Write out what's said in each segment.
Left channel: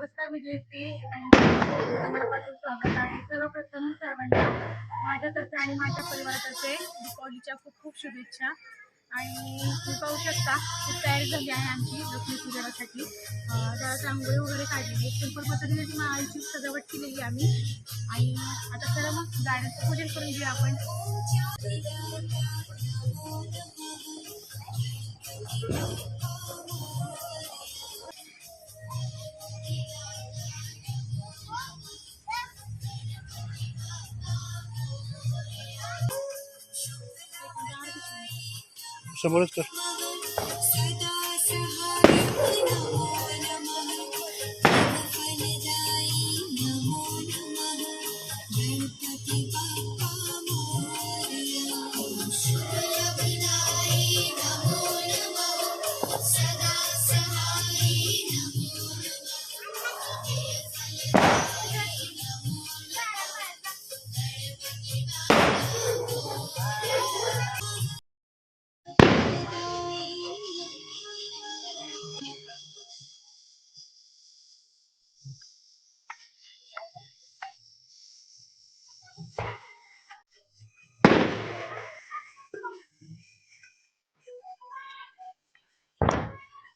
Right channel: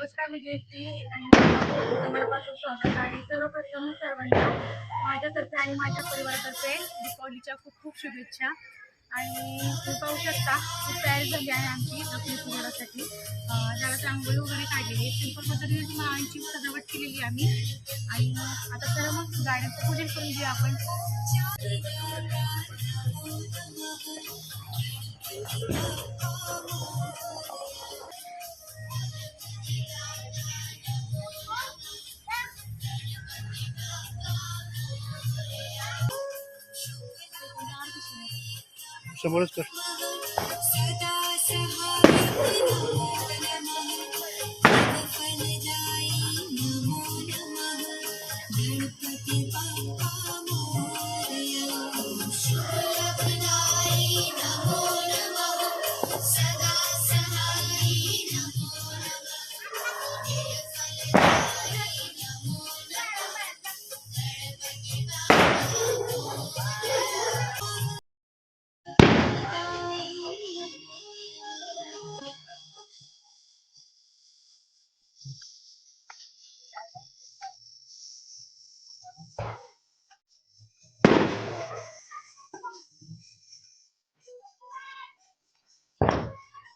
नमस्कार, मी जयश्री आणि मनापासून स्वागत आहे. सर्वप्रथम सर्वांना माझ्यातर्फे आणि माझ्या परिवारातर्फे दीपावलीच्या खूप खूप शुभेच्छा. आणि तुम्ही पाहू शकता खूप तयारी झाली आहे आमची लक्ष्मीपूजनासाठी. त्यावेळेस रांगोळी वगैरे काढलेली आहे, सिंपल पद्धतीने माळांची सजावट केलेली आम्ही. आणि आता चला मग गाड्यांचं पूजन करून घेऊया आपण. समोरच कर.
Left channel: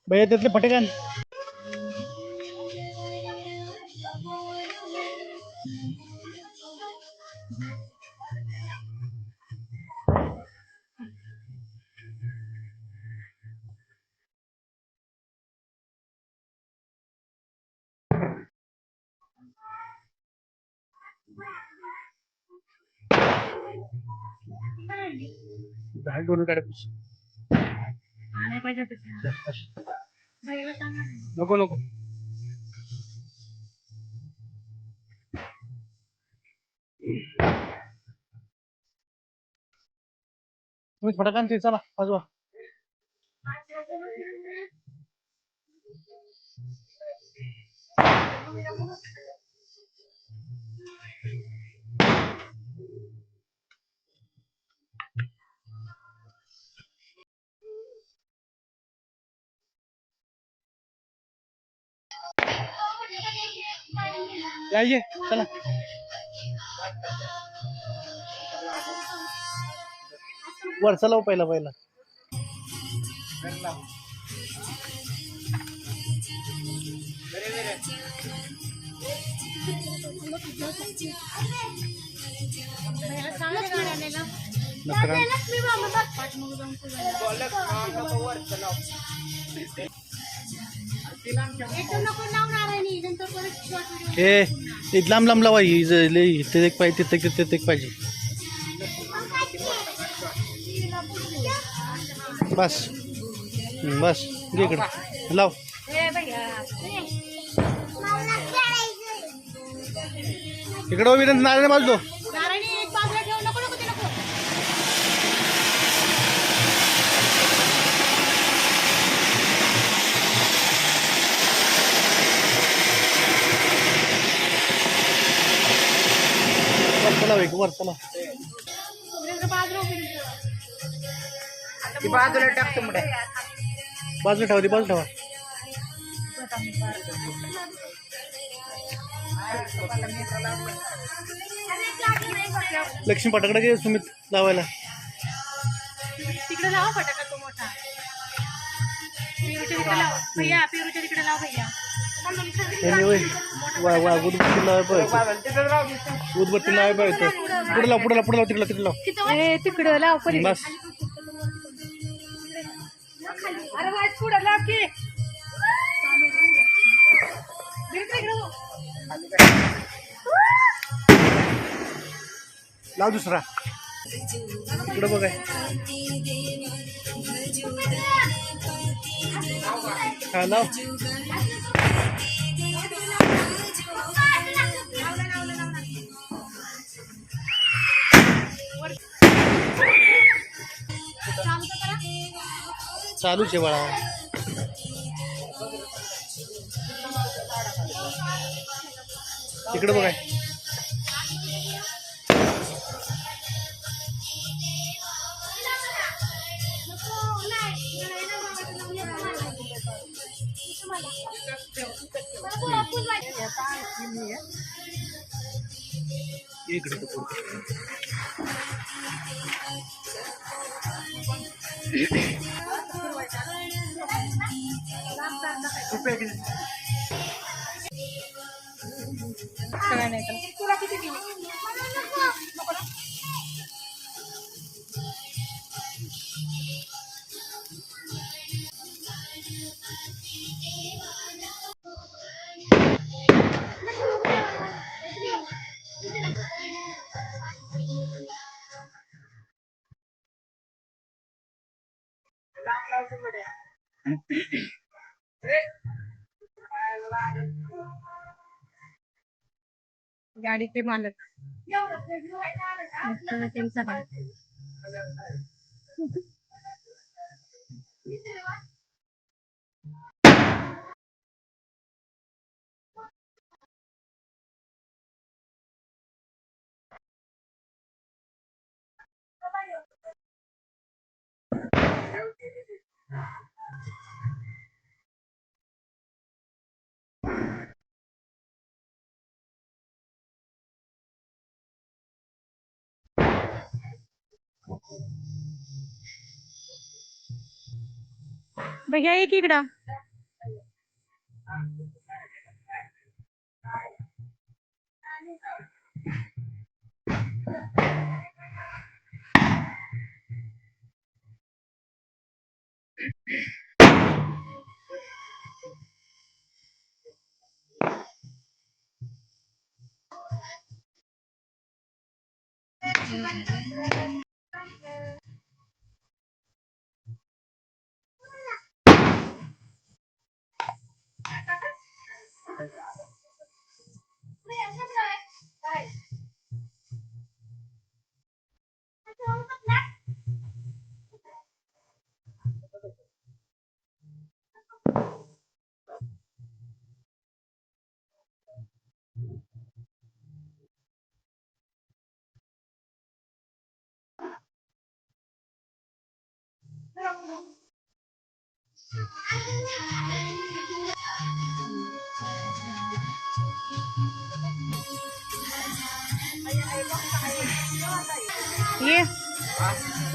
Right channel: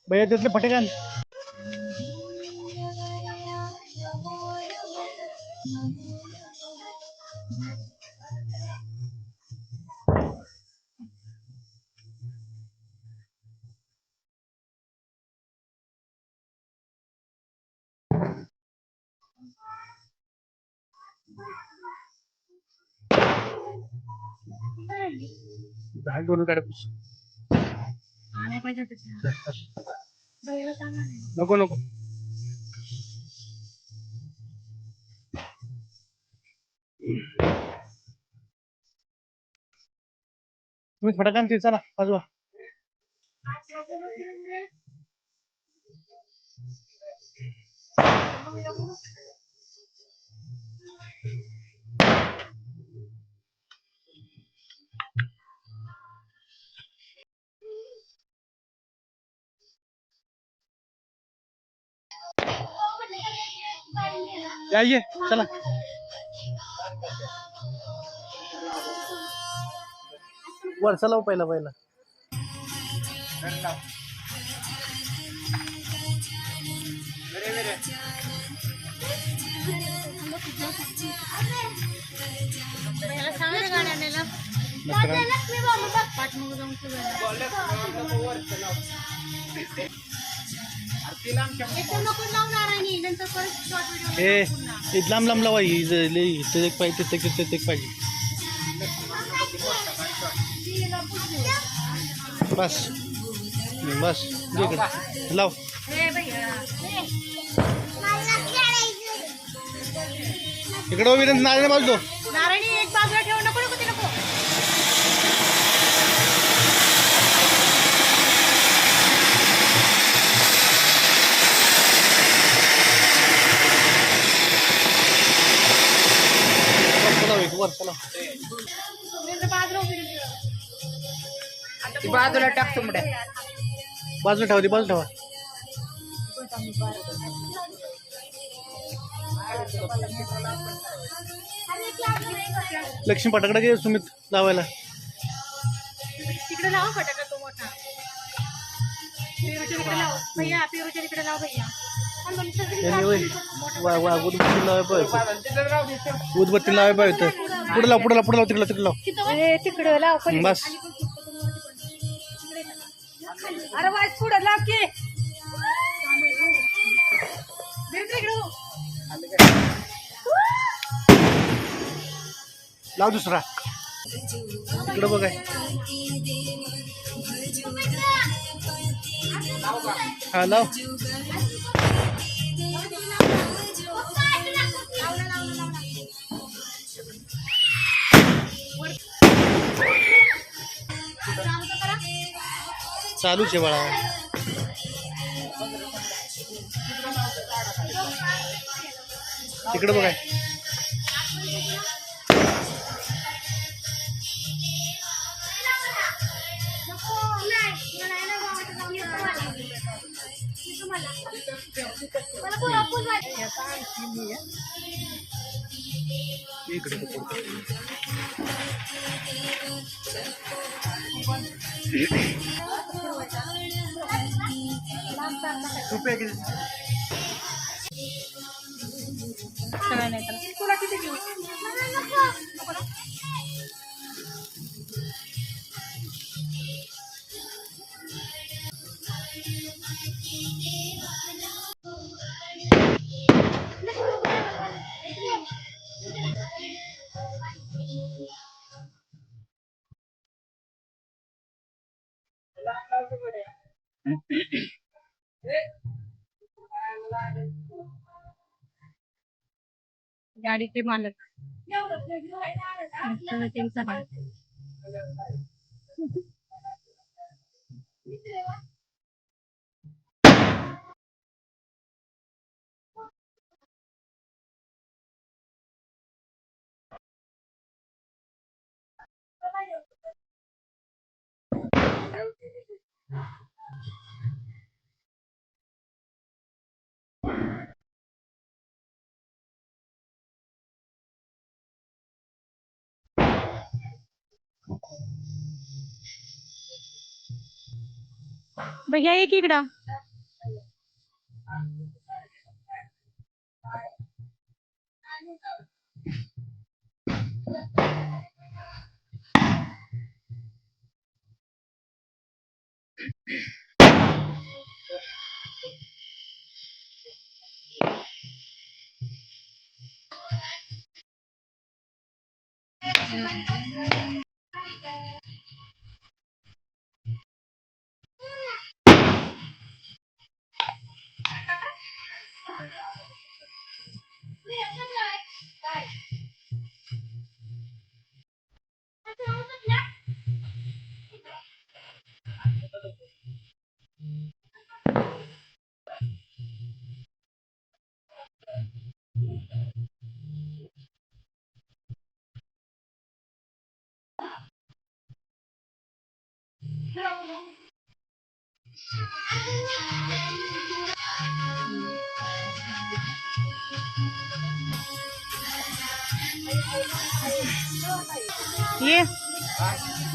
भैया त्यातले फटेकान. दोन काढ. नको नको. तुम्ही फटाकान ते चला वाजवा. ये चला. वर चला पहिला पहिला. लांब लांब लावा. ते एक पाहिजे ते एक पाहिजे. बस बस इकडे लाव. इकडे उभी नारायण बाजू. वर चला. बाजूला टाक तुमडे. बाजू ठेवा. ती बाजू ठेवा. लक्ष्मी फटाकडा घे सुमित लावायला. तिकडे लावा फटाका तो मोठा. पेरूच्या तिकडे लाव भैया, पेरूच्या तिकडे लाव भैया. उदबत्ती लावाय पाहिजे. उदबत्ती लावाय पाहिजे. पुढे लाव तिकडे लाव. तिकडे लाव बस. अरे वाईट पुढे लाव की. लाव दुसरा. इकडे बघाय. हा लाव. चालूच आहे बाळा. तिकडे बघाय. मला मला फुल वाटतं. इकडे तो पुढं. रुपये किती? सगळ्या नाही तर तुला किती देऊ? गाडीचे मालक त्यांचा मालक. भैया एक इकडं.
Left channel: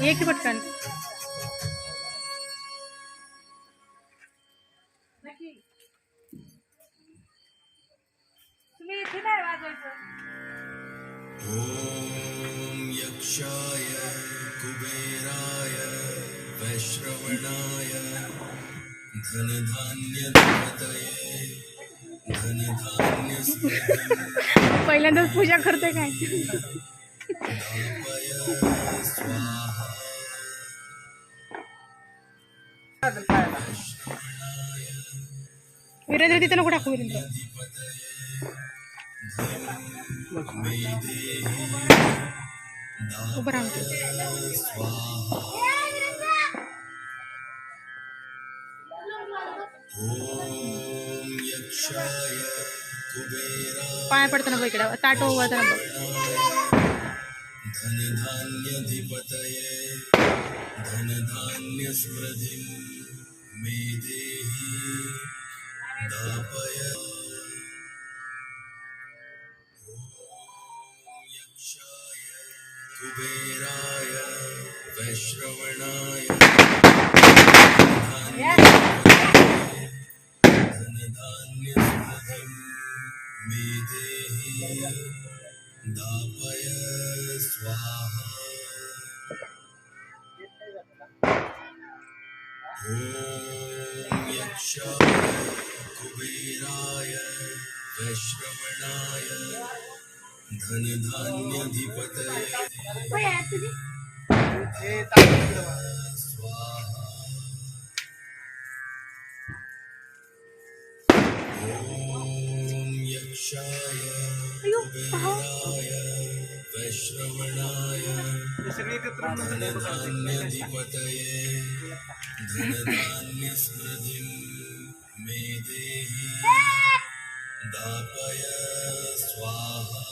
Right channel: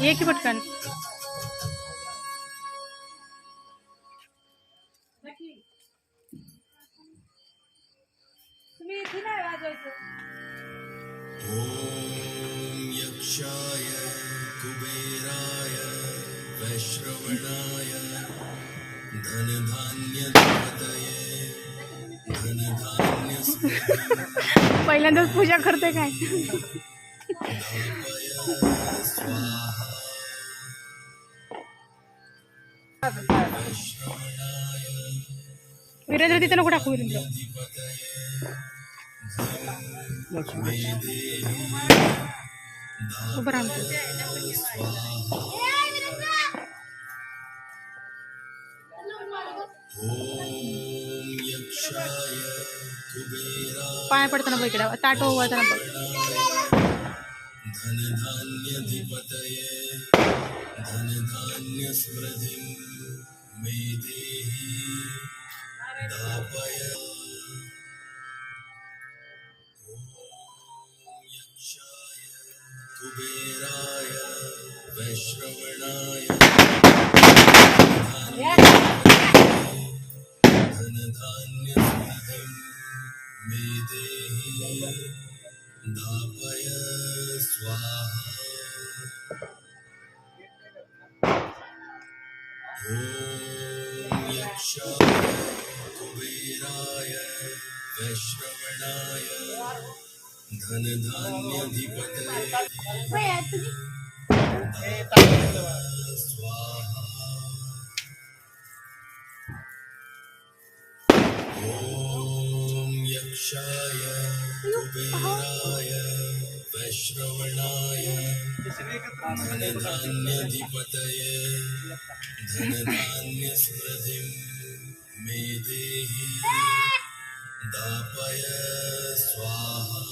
ये की पटकन. तुम्ही इथे नाही वाजवायचं. ॐ यक्षाय कुबेराय वैश्रवणाय धनधान्यधिपतये धनधान्यस्पतिं पहिल्यांदाच पूजा करते काय. वीरेंद्र तिथे नको टाकू. वीरेंद्र उभं राहतो. ॐ यक्षाय कुबेराय पाया पडताना बघ इकडं. ताट ओवळताना बघ. धनधान्यधिपतये धनधान्यस्पृधिं मे देहि दापय ॐ यक्षाय कुबेराय वैश्रवणाय धनधान्यस्पृधिं मे देहि दापय स्वाहा ॐ यक्षाय कुबेराय वैश्रवणाय धनधान्यधिपतये स्वाहा ॐ यक्षाय कुबेराय वैश्रवणाय धनधान्यधिपतये धनधान्यस्पृधिं मे देहि दापय स्वाहा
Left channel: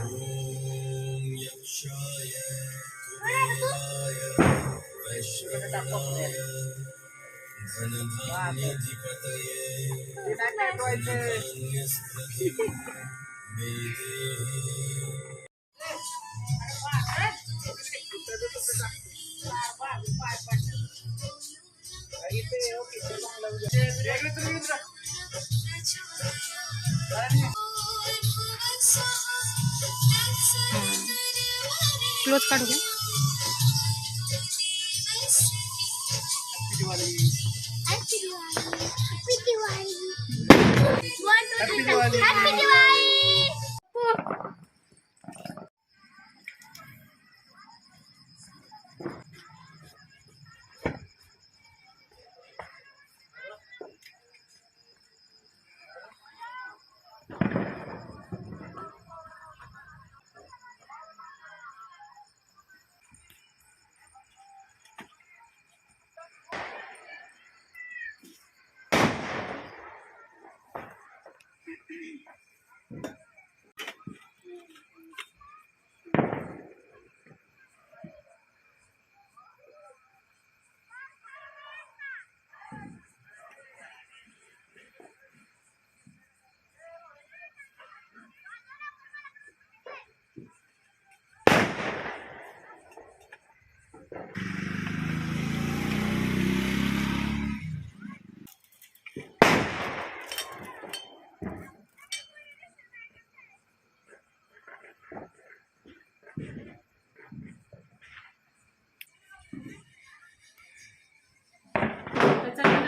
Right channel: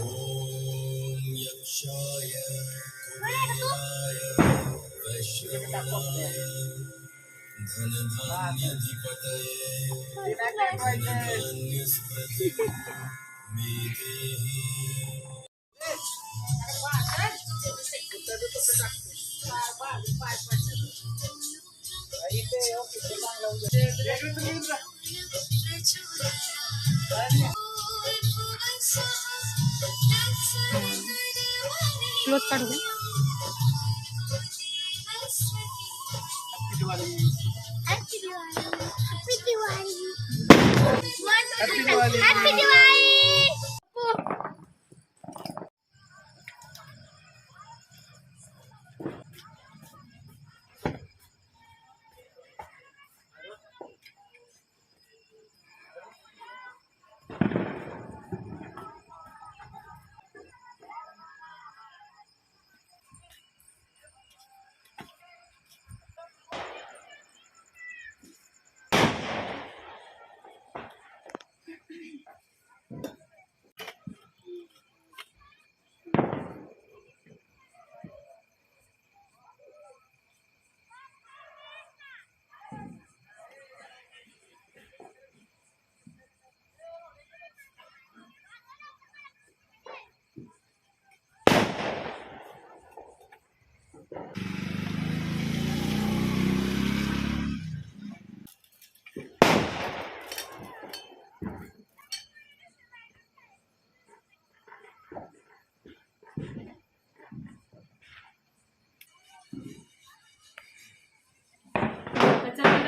ॐ यक्षाय कुबेराय वैश्रवणाय धनधान्यधिपतये धनधान्यस्पृतिं मे देहि क्लोज काढू का?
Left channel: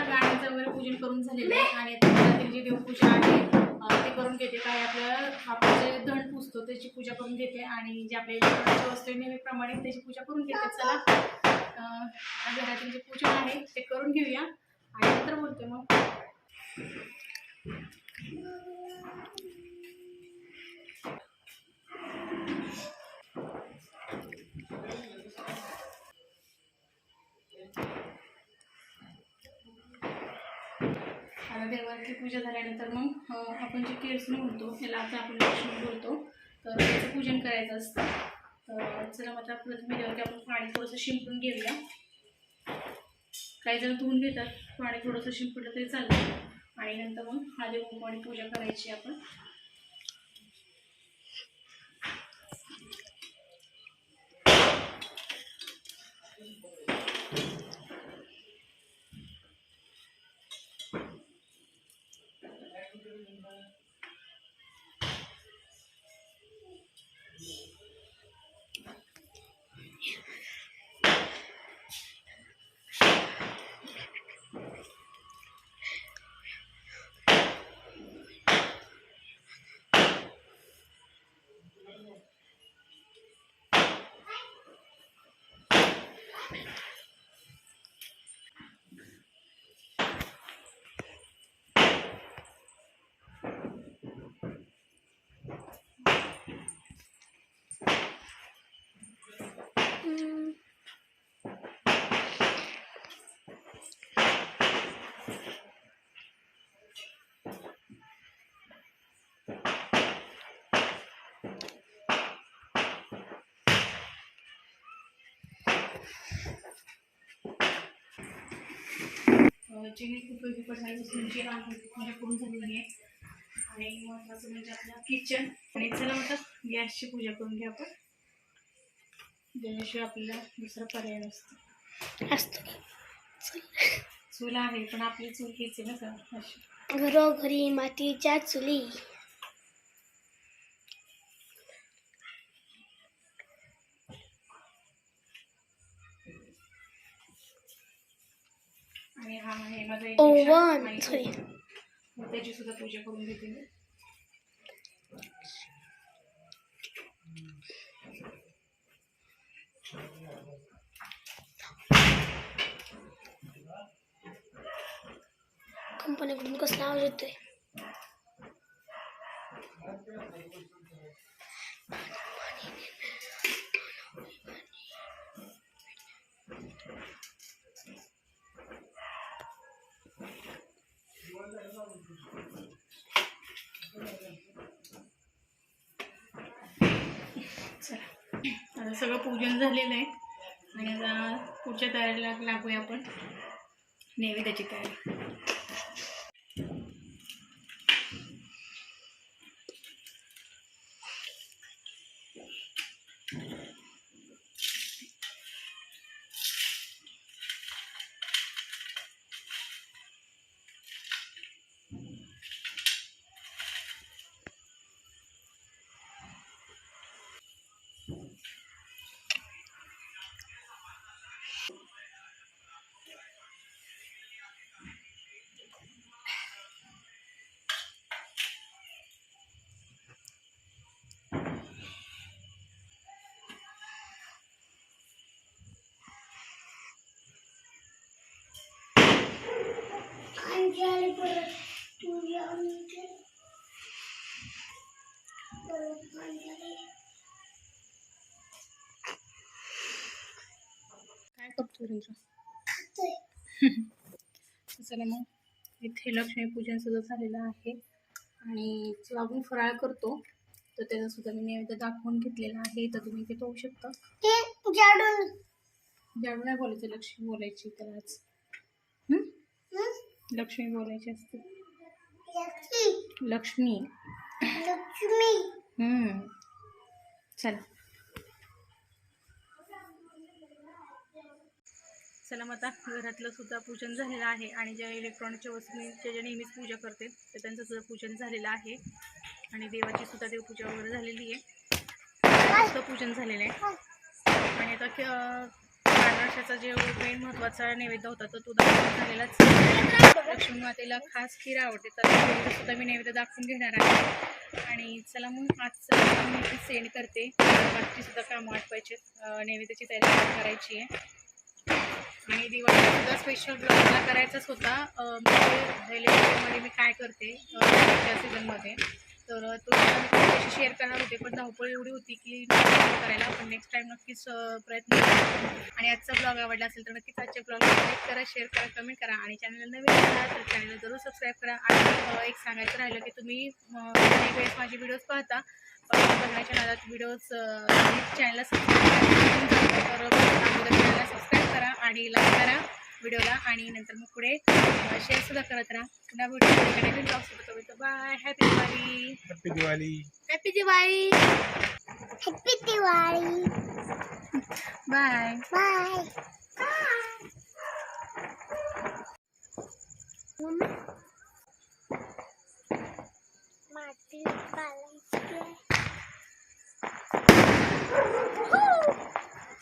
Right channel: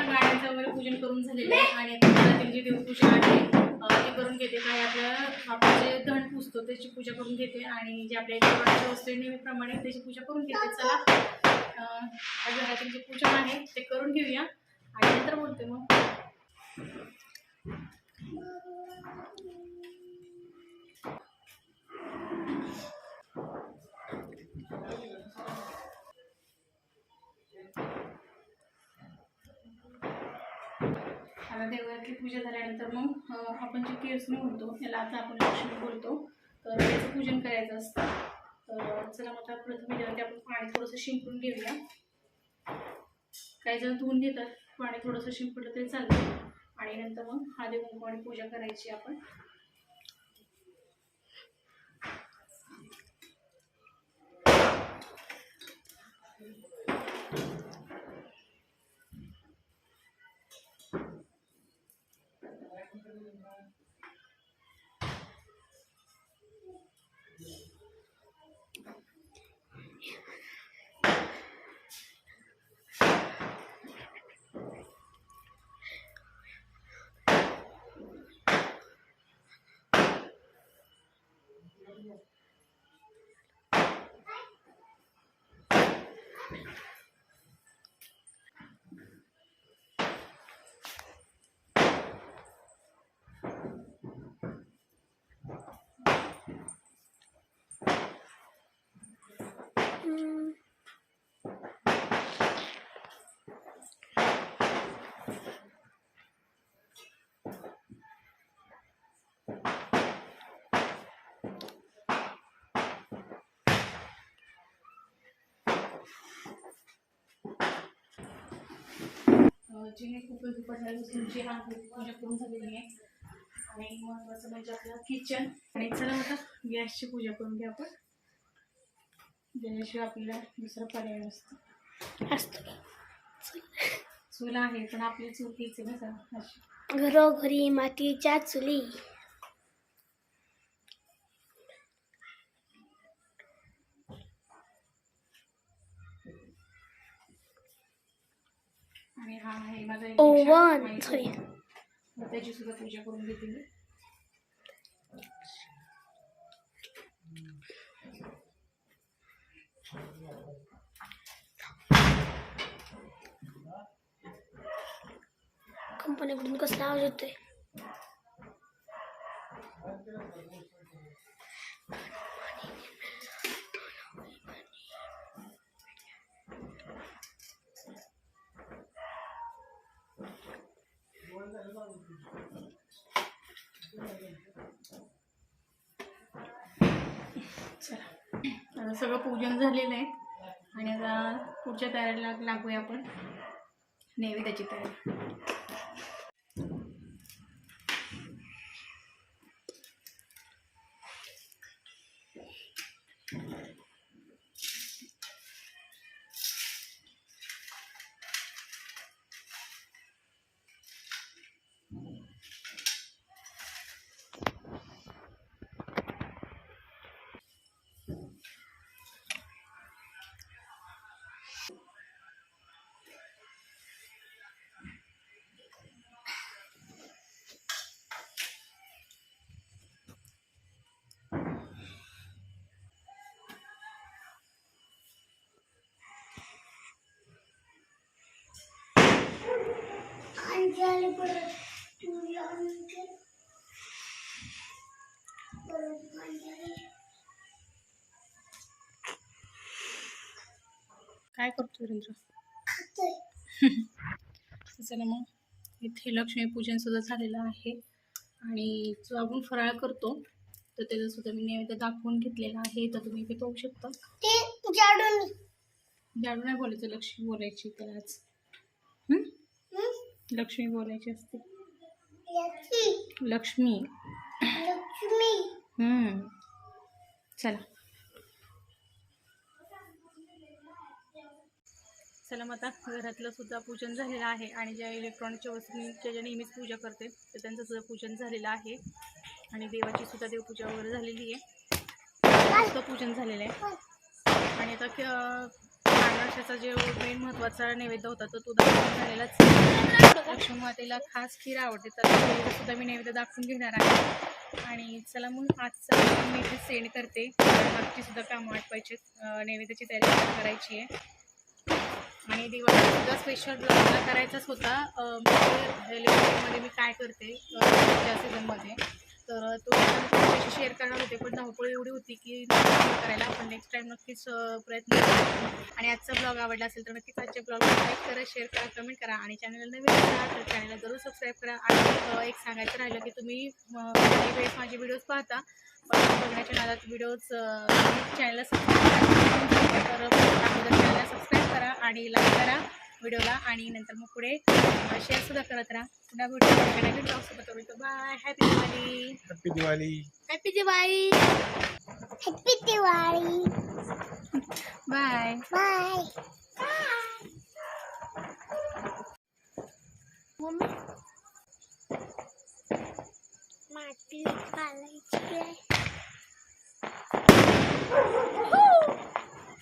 गाण्याचं वगैरे पूजन करून झालेलं आहे आणि आता त्यांची देवपूजा आहे ती करून घेते. काय आपण जे धन पुजतो त्याची पूजा करून घेते आणि जे आपल्या देवाच्या वस्त्र नेहमीप्रमाणे त्याची पूजा करून घेते. चला आज त्यांचे पूजन आहे ते करून घेऊया आणि नंतर बोलते मग. आता देवाची पूजा झाल्यानंतर मग आपण जे केसनी म्हणतो याला आता आपण लक्ष्मी बोलतो तर त्याचं पूजन करायचं असतं. तर चला मग आता प्रथम याच्यावरती आपण पाणी थोडंसं शिंपडून घेऊया. काही जण धुवून घेतात, पाणी थोडंसं शिंपडलं तरी चालतं आणि नंतर मग हळदी कुंकू आणि पूजा करायची आपण. जी उपयोगी पडणारी वस्तूंची आहे पूजा करून झालेली आहे आणि महत्त्वाचं म्हणजे आपलं किचन. आणि चला आता गॅसची पूजा करून घ्या आपण, ज्याशिवाय आपल्याला दुसरा पर्याय नसतो. चूल आहे पण आपली चूल हीच आहे ना सर. अशी घरोघरी मातीच्या चुली. आणि हा आहे माझा ओव्हन. त्याची सुद्धा पूजा करून घेते मी. कंपनीकडून कसला आवाज येतोय? चला आता सगळं पूजन झालेलं आहे आणि आता पुढच्या तयारीला लागूया आपण. नैवेद्याची तयारी. काय करतो रवींद्र? चला मग इथे लक्ष्मीपूजन सुद्धा झालेलं आहे आणि जो आपण फराळ करतो तर त्याचा सुद्धा मी नैवेद्य दाखवून घेतलेला आहे. तर तुम्ही इथे पाहू शकता. जाडू नाही बोलायचं, लक्ष्मी बोलायची त्याला आज. लक्ष्मी बोलायची असते. लक्ष्मी. चला चला मग आता घरातलं सुद्धा पूजन झालेलं आहे आणि ज्या इलेक्ट्रॉनिकच्या वस्तूंच्या ज्या नेहमीच पूजा करते तर त्यांचं सुद्धा पूजन झालेलं आहे आणि देवाची सुद्धा देवपूजा वगैरे झालेली आहे. सुद्धा पूजन झालेलं आहे आणि आता मार्गशीर्षाचा जे मेन महत्त्वाचा नैवेद्य होता तर तो दाखवून झालेलाच. लक्ष्मी मातेला खास खीर आवडते तर खीर सुद्धा मी नैवेद्य दाखवून घेणार आहे. आणि चला मग आजचं मी इथे सेंड करते. बाकीची सुद्धा कामं आटवायची, नैवेद्याची तयारी करायची आहे आणि दिवाळीचा सुद्धा स्पेशल ब्लॉग मला करायचाच होता. मध्ये मी काय करते त्या सीझनमध्ये तर तो त्याशी शेअर करणार होते पण धावपळ एवढी होती की करायला. पण नेक्स्ट टाईम नक्कीच प्रयत्न करा. आणि आजचा ब्लॉग आवडला असेल तर नक्कीच आजच्या ब्लॉगला लाईक करा, शेअर करा, कमेंट करा आणि चॅनलला नवीन असाल तर चॅनलला जरूर सबस्क्राईब करा. आणि एक सांगायचं राहिलं की तुम्ही काही वेळेस माझे व्हिडिओज पाहता पण बघण्याच्या नादात व्हिडिओज चॅनलला सबस्क्राईब करा. तर अगोदर चॅनलला सबस्क्राईब करा आणि लाईक करा व्हिडिओला आणि नंतर मग पुढे शेअरसुद्धा करत राहा. पुन्हा व्हिडिओ नवीन ब्लॉगसोबत होईल. Bye. Happy Diwali. Happy Diwali. Happy Diwali. Happy Diwali. Bye. Bye. माती घालायची.